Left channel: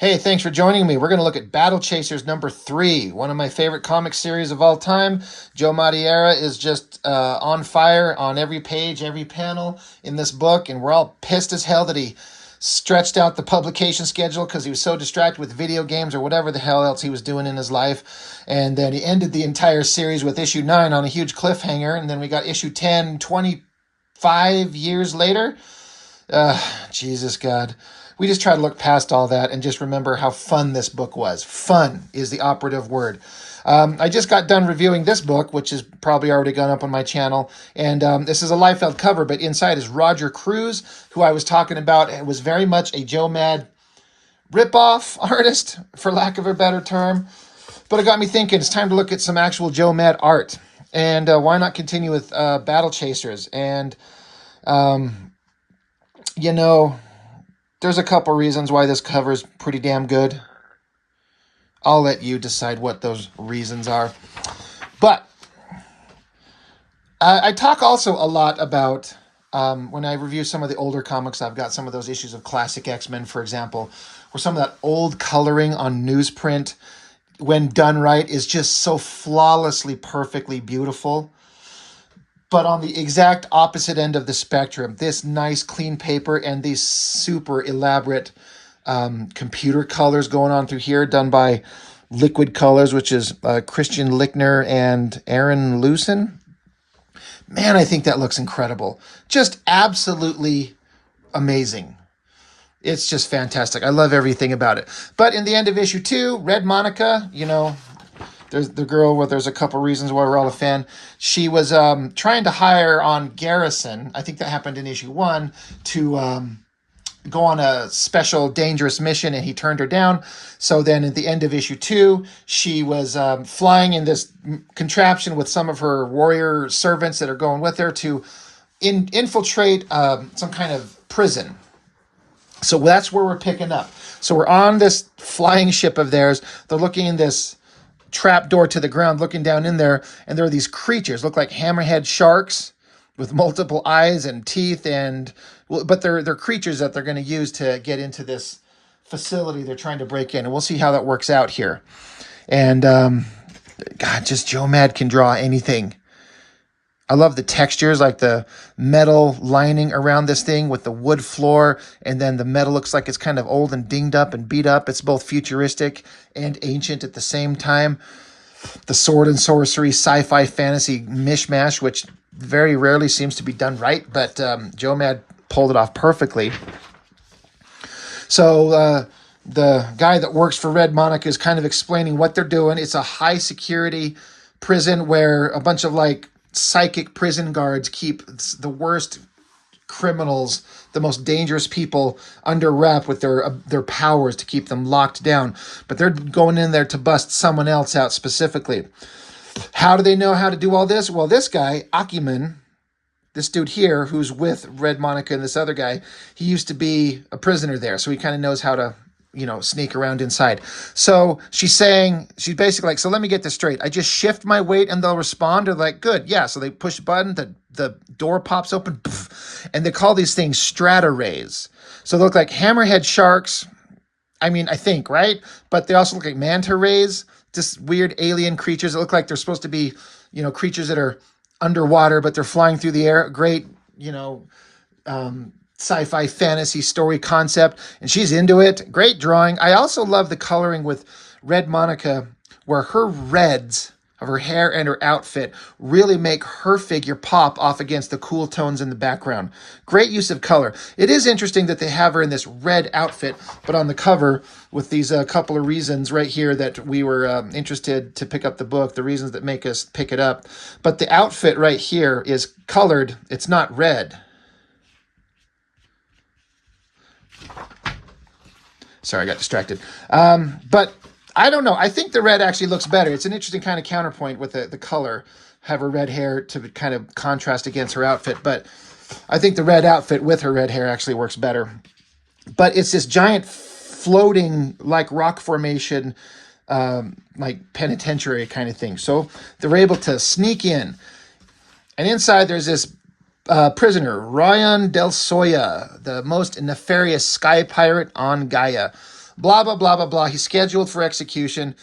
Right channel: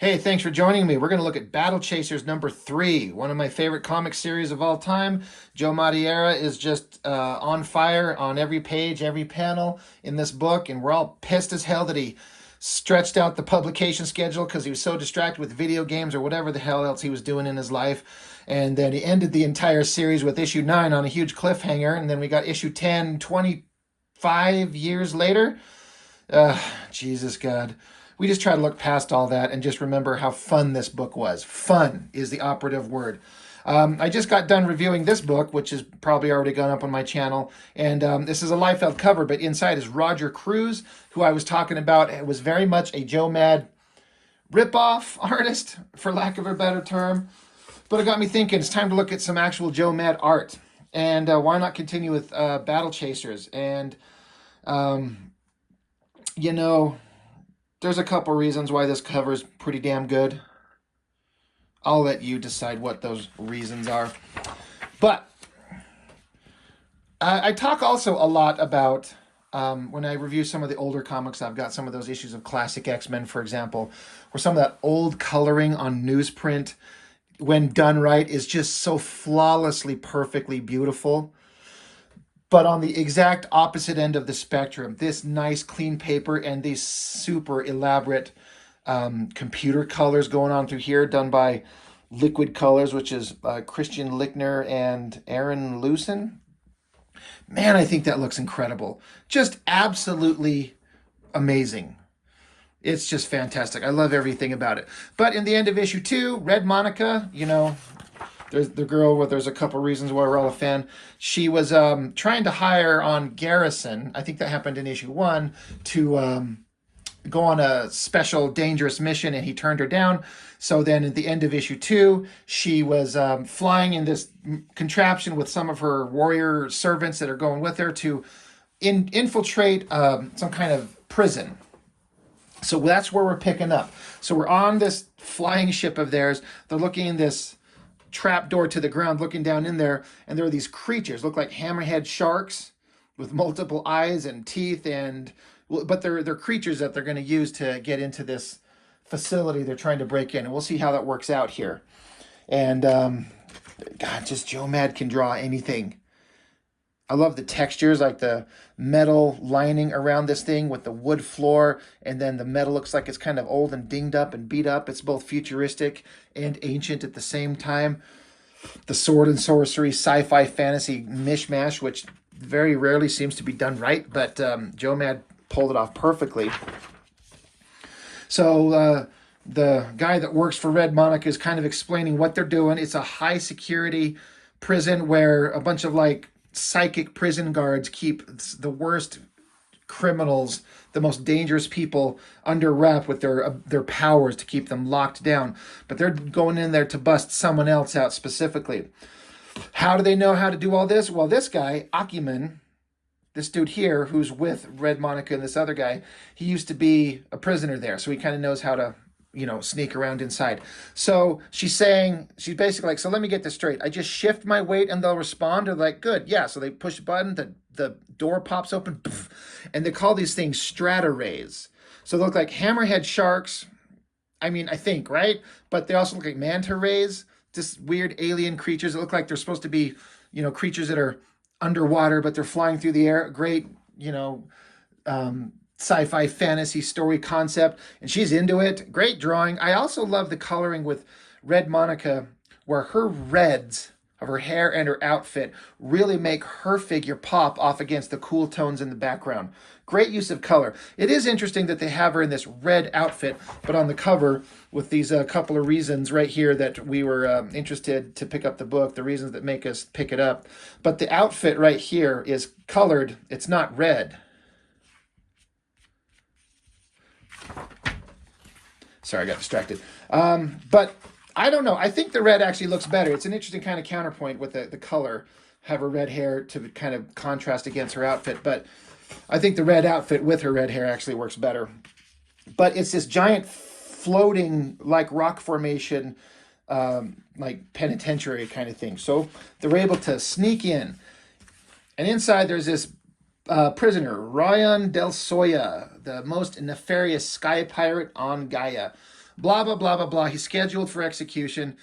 Hey, thanks for joining me. We're going to look at Battlechasers number 3, one of my favorite comic series of all time. Joe Madureira is just on fire on every page, every panel in this book, and we're all pissed as hell that he stretched out the publication schedule because he was so distracted with video games or whatever the hell else he was doing in his life. And then he ended the entire series with issue 9 on a huge cliffhanger, and then we got issue 10 25 years later. Jesus God. We just try to look past all that and just remember how fun this book was. Fun is the operative word. I just got done reviewing this book, which is probably already gone up on my channel. And this is a Liefeld cover, but inside is Roger Cruz, who I was talking about. It was very much a Joe Mad ripoff artist, for lack of a better term. But it got me thinking, it's time to look at some actual Joe Mad art. And why not continue with Battlechasers? And, you know, there's a couple reasons why this cover is pretty damn good. I'll let you decide what those reasons are. But I talk also a lot about, when I review some of the older comics, I've got some of those issues of Classic X-Men, for example, where some of that old coloring on newsprint, when done right, is just so flawlessly, perfectly beautiful. But on the exact opposite end of the spectrum, this nice clean paper and these super elaborate computer colors going on through here, done by Liquid Colors, which is Christian Lichtner and Aaron Lucen. Man, I think that looks incredible. Just absolutely amazing. It's just fantastic. I love everything about it. But in the end of issue 2, Red Monica, you know, there's the girl where there's a couple reasons why we're all a fan. She was trying to hire on Garrison. I think that happened in issue 1 to go on a special dangerous mission, and he turned her down. So then at the end of issue 2, she was flying in this contraption with some of her warrior servants that are going with her to infiltrate some kind of prison. So that's where we're picking up. So we're on this flying ship of theirs. They're looking in this trap door to the ground, looking down in there, and there are these creatures, look like hammerhead sharks with multiple eyes and teeth, and but they're creatures that they're going to use to get into this facility they're trying to break in, and we'll see how that works out here. And God, just Joe Mad can draw anything. I love the textures, like the metal lining around this thing with the wood floor, and then the metal looks like it's kind of old and dinged up and beat up. It's both futuristic and ancient at the same time. The sword and sorcery, sci-fi, fantasy mishmash, which very rarely seems to be done right, but Joe Mad pulled it off perfectly. So the guy that works for Red Monica is kind of explaining what they're doing. It's a high security prison where a bunch of like psychic prison guards keep the worst criminals, the most dangerous people under wrap with their powers to keep them locked down. But they're going in there to bust someone else out specifically. How do they know how to do all this? Well, this guy, Akiman, this dude here, who's with Red Monica and this other guy, he used to be a prisoner there, so he kind of knows how to, you know, sneak around inside. So she's basically like, so let me get this straight. I just shift my weight and they'll respond. They're like, good, yeah. So they push a button, the door pops open, and they call these things strata rays. So they look like hammerhead sharks. I mean, I think, right? But they also look like manta rays, just weird alien creatures that look like they're supposed to be, you know, creatures that are underwater, but they're flying through the air. Great, you know, sci-fi fantasy story concept, and she's into it. Great drawing. I also love the coloring with Red Monica, where her reds of her hair and her outfit really make her figure pop off against the cool tones in the background. Great use of color. It is interesting that they have her in this red outfit, but on the cover with these couple of reasons right here that we were interested to pick up the book, the reasons that make us pick it up. But the outfit right here is colored. It's not red. Sorry, I got distracted. But I don't know. I think the red actually looks better. It's an interesting kind of counterpoint with the color. Have her red hair to kind of contrast against her outfit. But I think the red outfit with her red hair actually works better. But it's this giant floating, like rock formation, like penitentiary kind of thing. So they're able to sneak in. And inside there's this prisoner, Ryan Del Soya, the most nefarious sky pirate on Gaia. blah, blah, blah, blah, blah. He's scheduled for execution.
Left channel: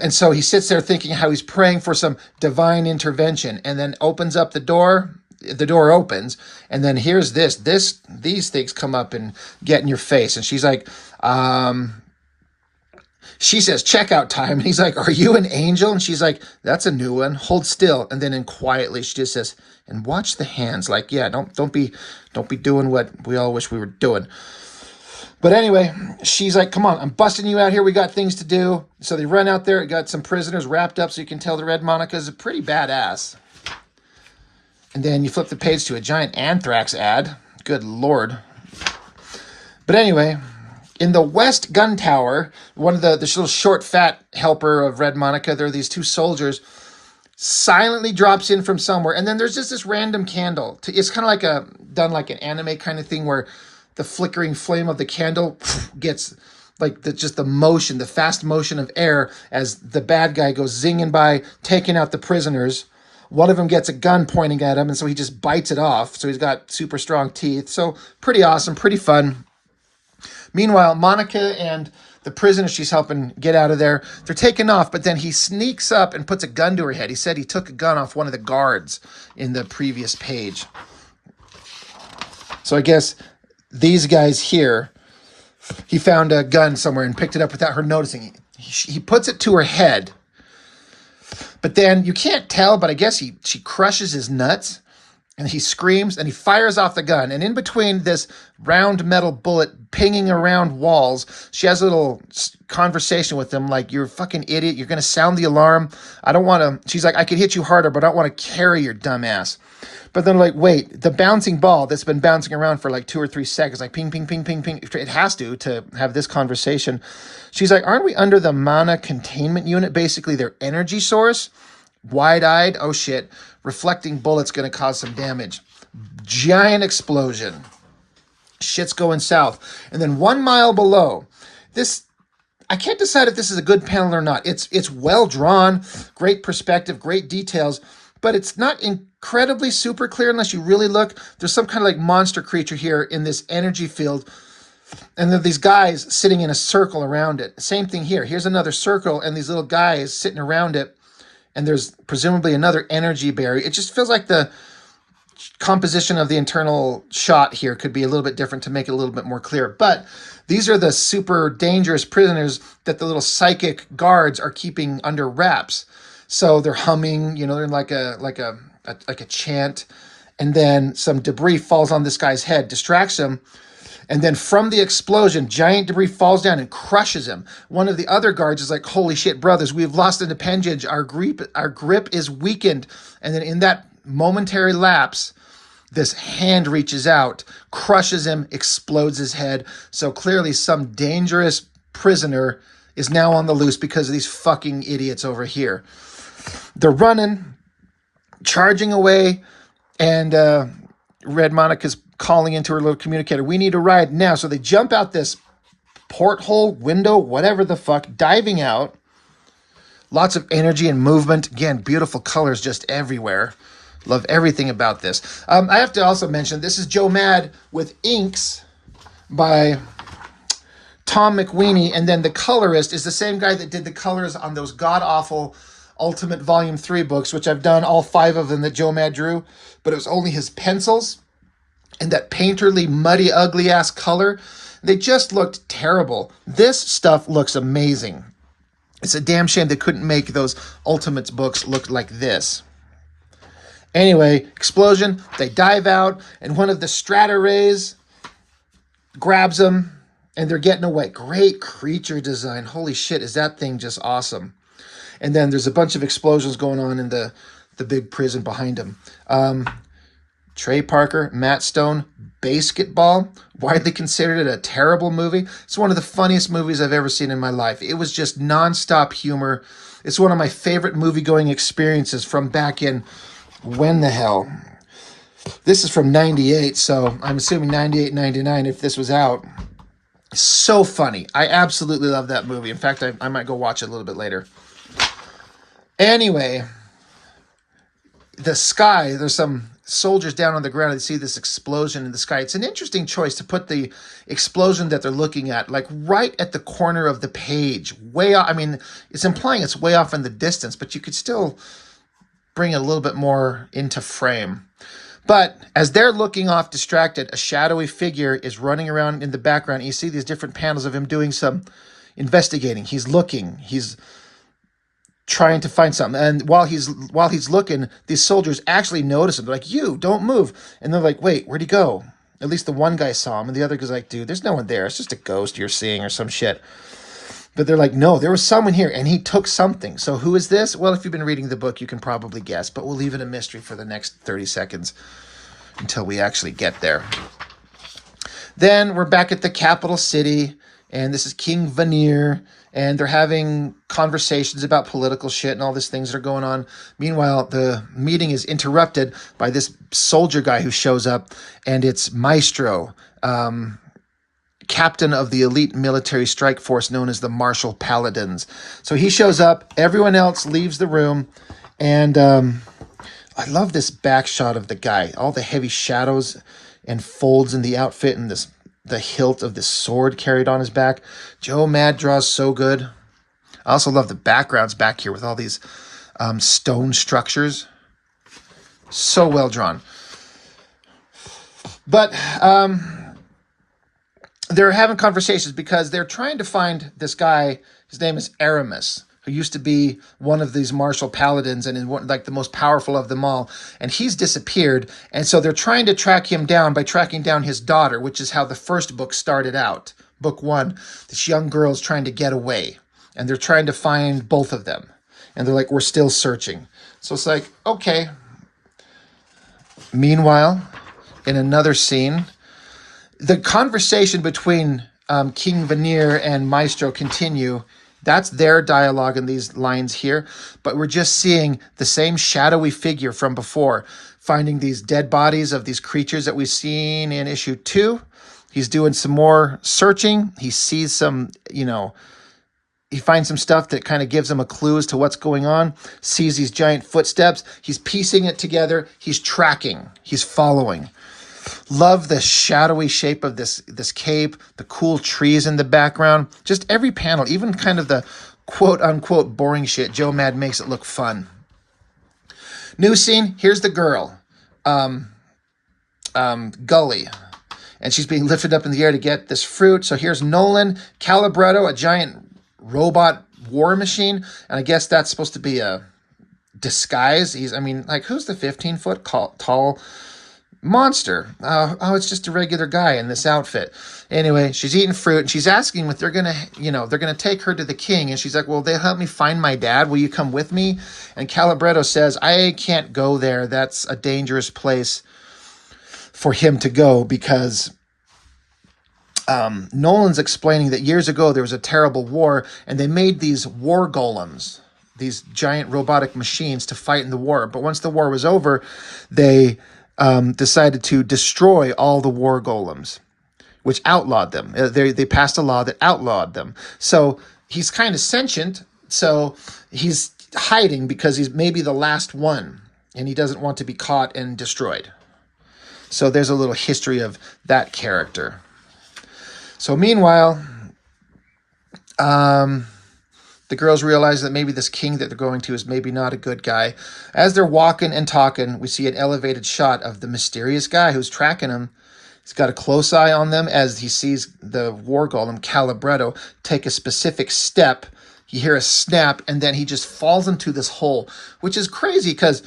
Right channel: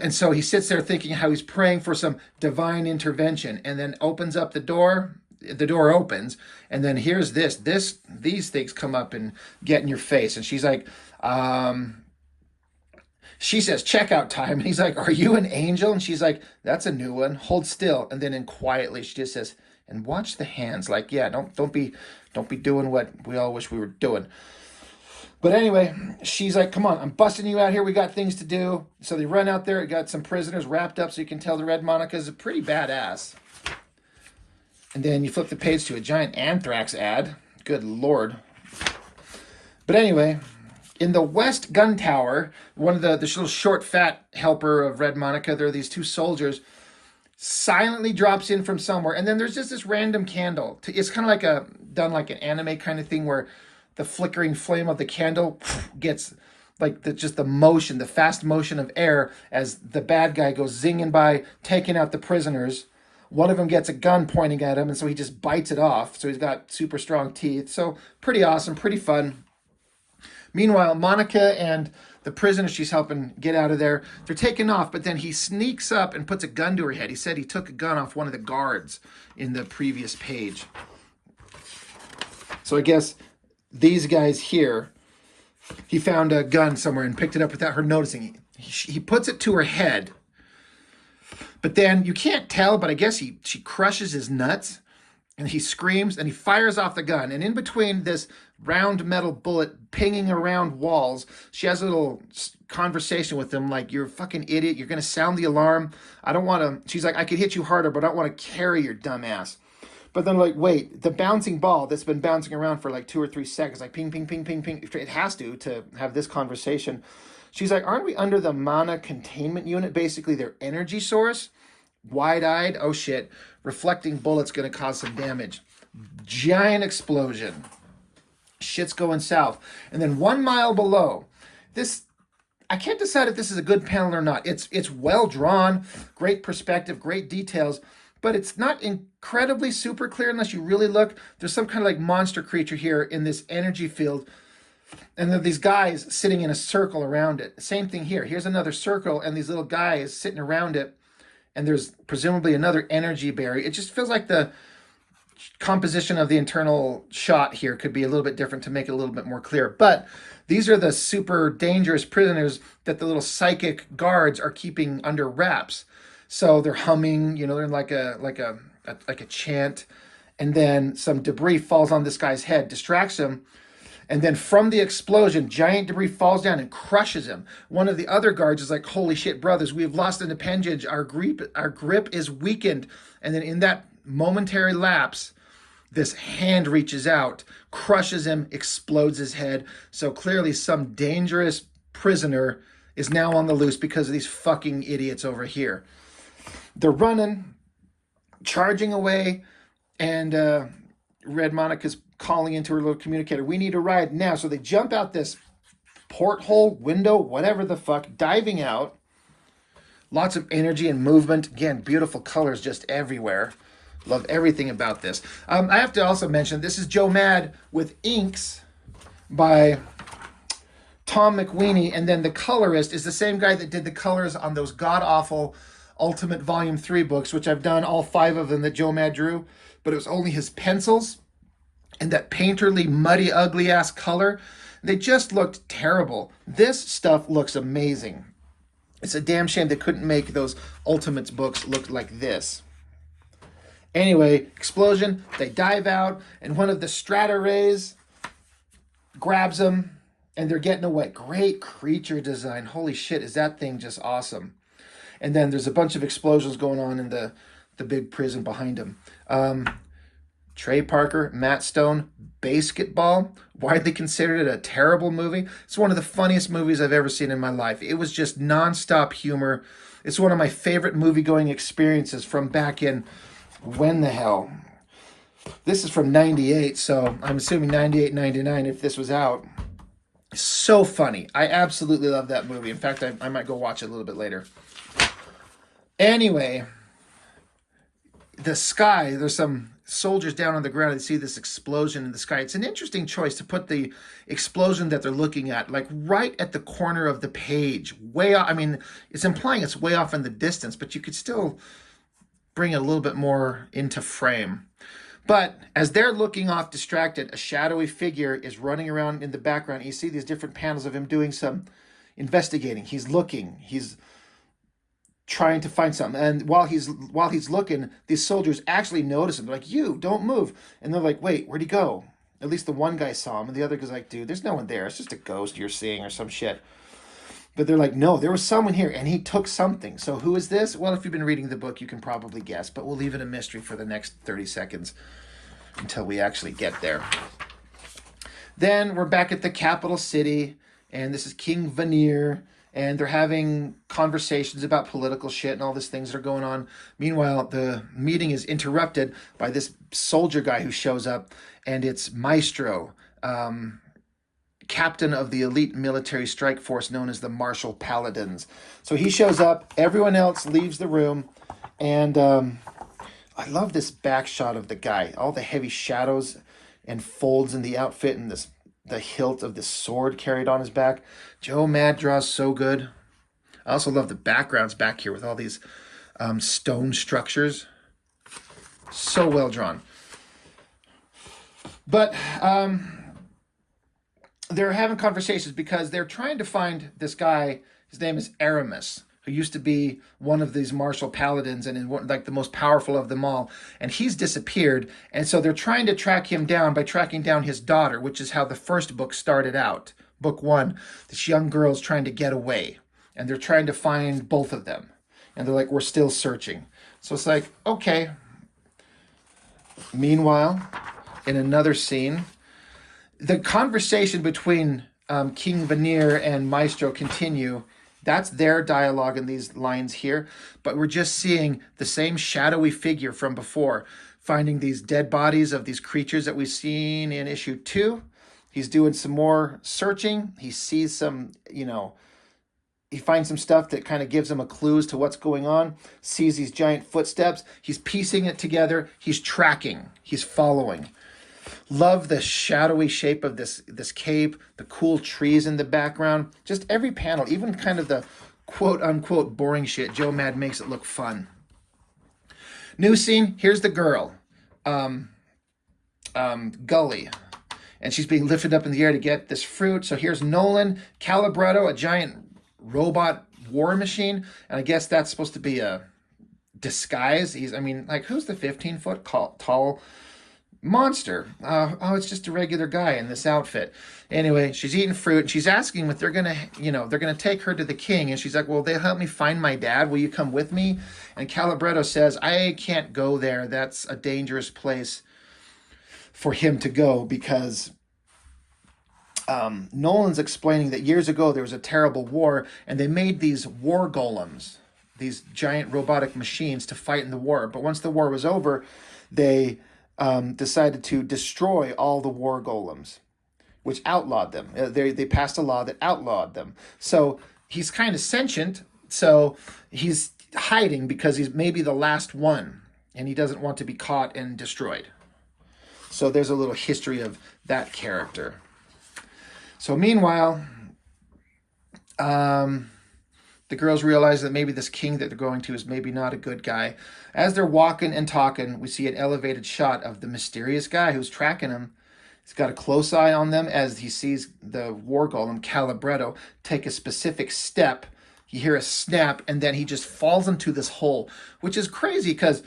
And so he sits there thinking how he's praying for some divine intervention, and then opens up the door. The door opens, and then here's these things come up and get in your face. And she's like, she says, checkout time. And he's like, are you an angel? And she's like, that's a new one. Hold still. And then quietly, she just says, and watch the hands. Like, yeah, don't be doing what we all wish we were doing. But anyway, she's like, come on, I'm busting you out here. We got things to do. So they run out there. Got some prisoners wrapped up, so you can tell the Red Monika is a pretty badass. And then you flip the page to a giant anthrax ad. Good Lord. But anyway, in the West Gun Tower, one of this little short, fat helper of Red Monika, there are these two soldiers, silently drops in from somewhere. And then there's just this random candle. It's kind of like done like an anime kind of thing where the flickering flame of the candle gets like just the motion, the fast motion of air as the bad guy goes zinging by, taking out the prisoners. One of them gets a gun pointing at him, and so he just bites it off. So he's got super strong teeth. So pretty awesome, pretty fun. Meanwhile, Monika and the prisoner she's helping get out of there, they're taking off, but then he sneaks up and puts a gun to her head. He said he took a gun off one of the guards in the previous page. So I guess these guys here, he found a gun somewhere and picked it up without her noticing. He puts it to her head, but then you can't tell, but I guess she crushes his nuts, and he screams, and he fires off the gun. And in between this round metal bullet pinging around walls, she has a little conversation with him, like, you're a fucking idiot. You're going to sound the alarm. I don't want to, she's like, I could hit you harder, but I don't want to carry your dumb ass. But then, like, wait, the bouncing ball that's been bouncing around for like 2 or 3 seconds, like ping, ping, ping, ping, ping. It has to have this conversation. She's like, aren't we under the mana containment unit, basically their energy source? Wide-eyed, oh shit, reflecting bullet's going to cause some damage. Giant explosion. Shit's going south. And then 1 mile below, this, I can't decide if this is a good panel or not. It's well drawn, great perspective, great details, but it's not incredibly super clear unless you really look. There's some kind of like monster creature here in this energy field. And there are these guys sitting in a circle around it. Same thing here. Here's another circle and these little guys sitting around it. And there's presumably another energy barrier. It just feels like the composition of the internal shot here could be a little bit different to make it a little bit more clear. But these are the super dangerous prisoners that the little psychic guards are keeping under wraps. So they're humming, you know, they're in like a chant, and then some debris falls on this guy's head, distracts him, and then from the explosion, giant debris falls down and crushes him. One of the other guards is like, holy shit, brothers, we have lost an appendage. Our grip is weakened. And then in that momentary lapse, this hand reaches out, crushes him, explodes his head. So clearly some dangerous prisoner is now on the loose because of these fucking idiots over here. They're running, charging away, and Red Monika's calling into her little communicator, we need a ride now. So they jump out this porthole, window, whatever the fuck, diving out. Lots of energy and movement. Again, beautiful colors just everywhere. Love everything about this. I have to also mention, this is Joe Mad with inks by Tom McWeeny, and then the colorist is the same guy that did the colors on those god-awful Ultimate Volume 3 books, which I've done all 5 of them that Joe Mad drew, but it was only his pencils and that painterly, muddy, ugly-ass color. They just looked terrible. This stuff looks amazing. It's a damn shame they couldn't make those Ultimates books look like this. Anyway, explosion, they dive out, and one of the strata rays grabs them, and they're getting away. Great creature design. Holy shit, is that thing just awesome. And then there's a bunch of explosions going on in the big prison behind him. Trey Parker, Matt Stone, Basketball, widely considered a terrible movie. It's one of the funniest movies I've ever seen in my life. It was just nonstop humor. It's one of my favorite movie-going experiences from back in, when the hell? This is from 98, so I'm assuming 98, 99 if this was out. So funny. I absolutely love that movie. In fact, I might go watch it a little bit later. Anyway, the sky, there's some soldiers down on the ground and see this explosion in the sky. It's an interesting choice to put the explosion that they're looking at like right at the corner of the page, way off. I mean, it's implying it's way off in the distance, but you could still bring it a little bit more into frame. But as they're looking off distracted, a shadowy figure is running around in the background. You see these different panels of him doing some investigating. He's looking. He's trying to find something. And while he's looking, these soldiers actually notice him. They're like, "You, don't move." And they're like, "Wait, where'd he go?" At least the one guy saw him. And the other guy's like, "Dude, there's no one there. It's just a ghost you're seeing or some shit." But they're like, "No, there was someone here and he took something." So who is this? Well, if you've been reading the book, you can probably guess, but we'll leave it a mystery for the next 30 seconds until we actually get there. Then we're back at the capital city, and this is King Vanir, and they're having conversations about political shit and all these things that are going on. Meanwhile, the meeting is interrupted by this soldier guy who shows up, and it's Maestro, captain of the elite military strike force known as the Martial Paladins. So he shows up, everyone else leaves the room, and I love this back shot of the guy, all the heavy shadows and folds in the outfit, and the hilt of this sword carried on his back. Joe Mad draws so good. I also love the backgrounds back here with all these stone structures. So well drawn. But they're having conversations because they're trying to find this guy. His name is Aramis, who used to be one of these martial paladins and is like the most powerful of them all. And he's disappeared. And so they're trying to track him down by tracking down his daughter, which is how the first book started out. Book 1, this young girl's trying to get away. And they're trying to find both of them. And they're like, "We're still searching." So it's like, okay. Meanwhile, in another scene, the conversation between King Vanir and Maestro continue. That's their dialogue in these lines here. But we're just seeing the same shadowy figure from before, finding these dead bodies of these creatures that we've seen in issue 2. He's doing some more searching. He sees some, he finds some stuff that kind of gives him a clue as to what's going on, sees these giant footsteps. He's piecing it together. He's tracking. He's following. Love the shadowy shape of this cape, the cool trees in the background. Just every panel, even kind of the quote-unquote boring shit, Joe Mad makes it look fun. New scene, here's the girl, Gully. And she's being lifted up in the air to get this fruit. So here's Nolan, Calibretto, a giant robot war machine. And I guess that's supposed to be a disguise. Who's the 15-foot tall monster? It's just a regular guy in this outfit. Anyway, she's eating fruit, and she's asking if they're gonna take her to the king. And she's like, "Well, they'll help me find my dad. Will you come with me?" And Calibretto says, "I can't go there. That's a dangerous place for him to go," because Nolan's explaining that years ago there was a terrible war, and they made these war golems, these giant robotic machines to fight in the war. But once the war was over, they decided to destroy all the war golems, which outlawed them. They passed a law that outlawed them. So he's kind of sentient, so he's hiding because he's maybe the last one, and he doesn't want to be caught and destroyed. So there's a little history of that character. So meanwhile, the girls realize that maybe this king that they're going to is maybe not a good guy. As they're walking and talking, we see an elevated shot of the mysterious guy who's tracking them. He's got a close eye on them as he sees the war golem, Calibretto, take a specific step. You hear a snap, and then he just falls into this hole, which is crazy because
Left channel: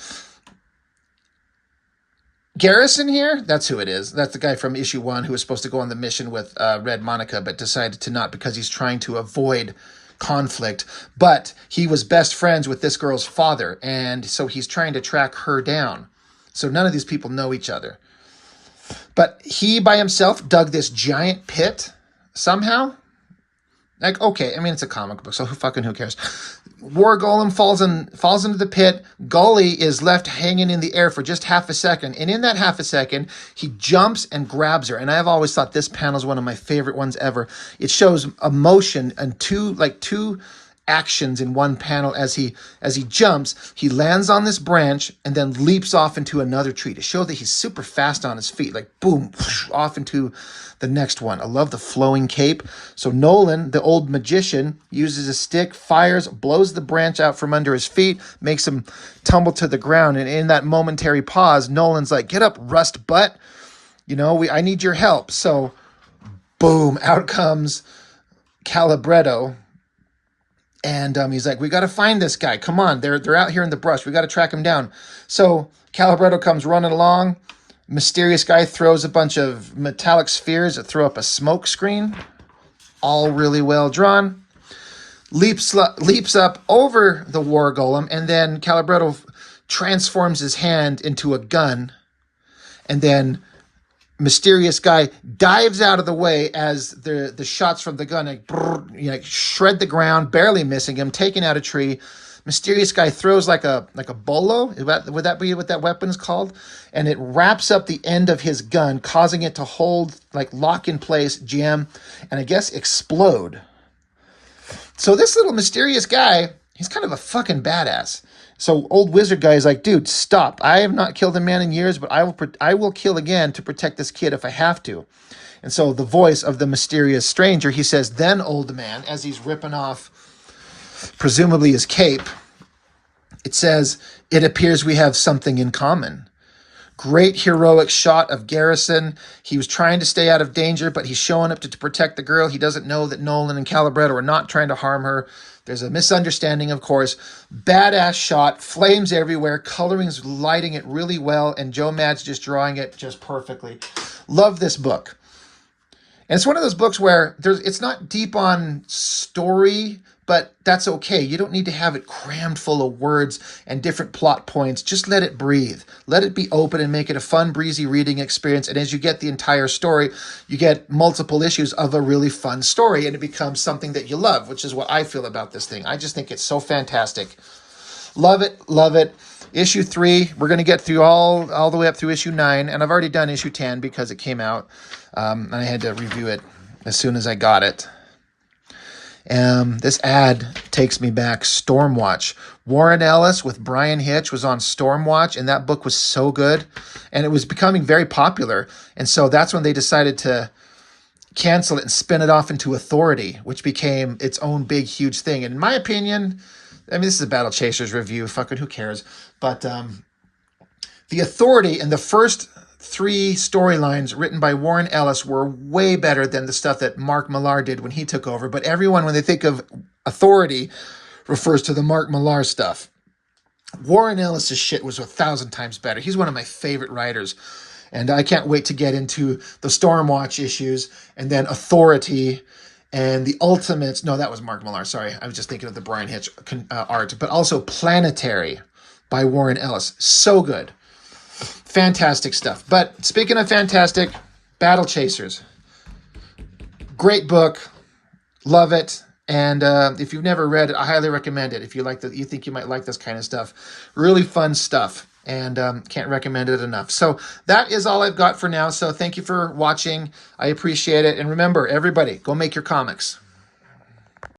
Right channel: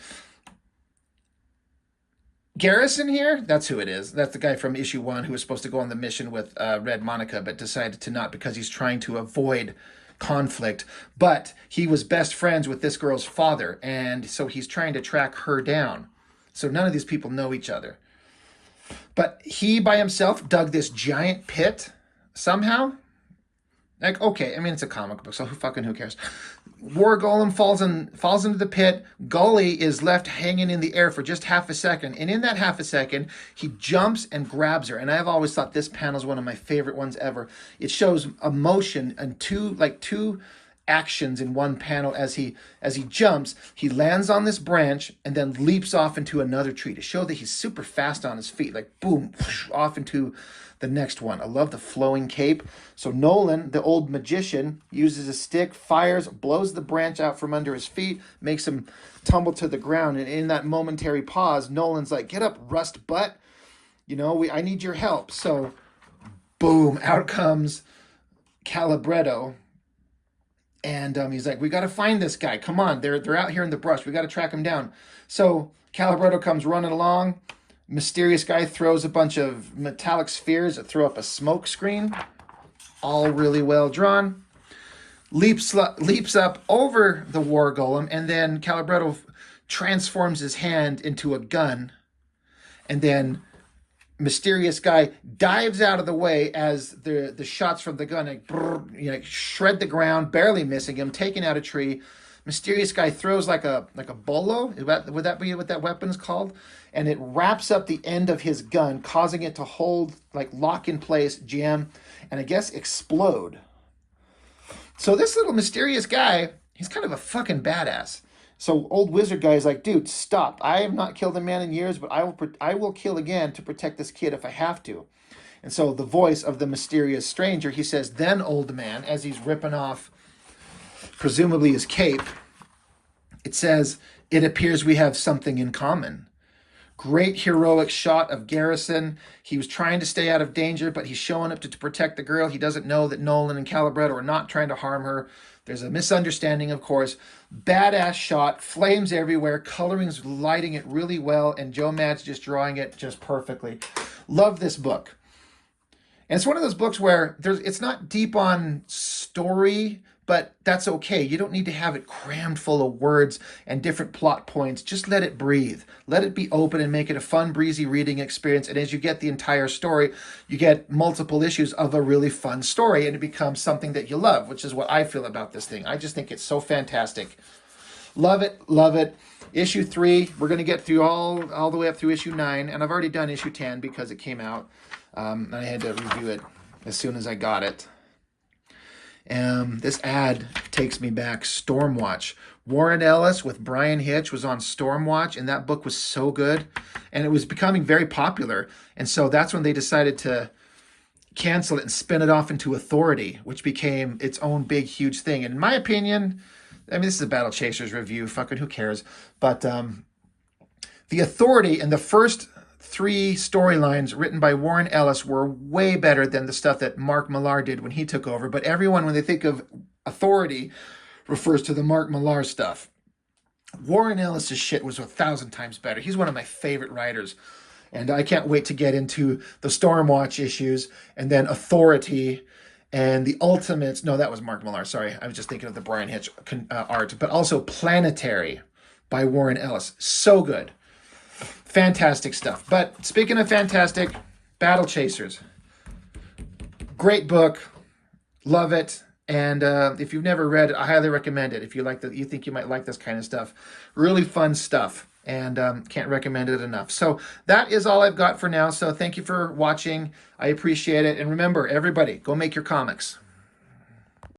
Garrison here, that's who it is. That's the guy from issue 1 who was supposed to go on the mission with Red Monica, but decided to not because he's trying to avoid conflict. But he was best friends with this girl's father, and so he's trying to track her down. So none of these people know each other. But he by himself dug this giant pit somehow. Like, okay, it's a comic book, so who cares? War Golem falls into the pit. Gully is left hanging in the air for just half a second. And in that half a second, he jumps and grabs her. And I've always thought this panel is one of my favorite ones ever. It shows emotion and two actions in one panel. As he jumps, he lands on this branch and then leaps off into another tree to show that he's super fast on his feet, like boom, off into the next one. I love the flowing cape. So Nolan, the old magician, uses a stick, fires, blows the branch out from under his feet, makes him tumble to the ground. And in that momentary pause, Nolan's like, get up, rust butt. You know, I need your help. So boom, out comes Calibretto. And he's like, we got to find this guy. Come on, they're out here in the brush. We got to track him down. So Calibretto comes running along. Mysterious guy throws a bunch of metallic spheres that throw up a smoke screen. All really well drawn. Leaps up over the war golem, and then Calibretto transforms his hand into a gun. And then mysterious guy dives out of the way as the shots from the gun like shred the ground, barely missing him, taking out a tree. Mysterious guy throws like a bolo. Would that be what that weapon's called? And it wraps up the end of his gun, causing it to hold, like lock in place, jam, and I guess explode. So this little mysterious guy, he's kind of a fucking badass. So old wizard guy is like, dude, stop. I have not killed a man in years, but I will kill again to protect this kid if I have to. And so the voice of the mysterious stranger, he says, then old man, as he's ripping off presumably his cape, it says, it appears we have something in common. Great heroic shot of Garrison. He was trying to stay out of danger, but he's showing up to protect the girl. He doesn't know that Nolan and Calibretto are not trying to harm her. There's a misunderstanding, of course. Badass shot, flames everywhere, coloring's lighting it really well, and Joe Mad's just drawing it just perfectly. Love this book. And it's one of those books where it's not deep on story, but that's okay. You don't need to have it crammed full of words and different plot points. Just let it breathe. Let it be open and make it a fun, breezy reading experience. And as you get the entire story, you get multiple issues of a really fun story, and it becomes something that you love, which is what I feel about this thing. I just think it's so fantastic. Love it, love it. Issue 3, we're going to get through all the way up through issue 9, and I've already done issue 10 because it came out. I had to review it as soon as I got it. This ad takes me back. Stormwatch. Warren Ellis with Brian Hitch was on Stormwatch, and that book was so good, and it was becoming very popular. And so that's when they decided to cancel it and spin it off into Authority, which became its own big, huge thing. And in my opinion, I mean, this is a Battlechasers review. Fucking who cares? But the Authority and the first 3 storylines written by Warren Ellis were way better than the stuff that Mark Millar did when he took over. But everyone, when they think of Authority, refers to the Mark Millar stuff. Warren Ellis's shit was 1,000 times better. He's one of my favorite writers. And I can't wait to get into the Stormwatch issues and then Authority and the Ultimates. No, that was Mark Millar. Sorry. I was just thinking of the Brian Hitch art. But also Planetary by Warren Ellis. So good. Fantastic stuff. But speaking of fantastic, Battlechasers. Great book. Love it. And if you've never read it, I highly recommend it. If you think you might like this kind of stuff. Really fun stuff. And can't recommend it enough. So that is all I've got for now. So thank you for watching. I appreciate it. And remember, everybody, go make your comics.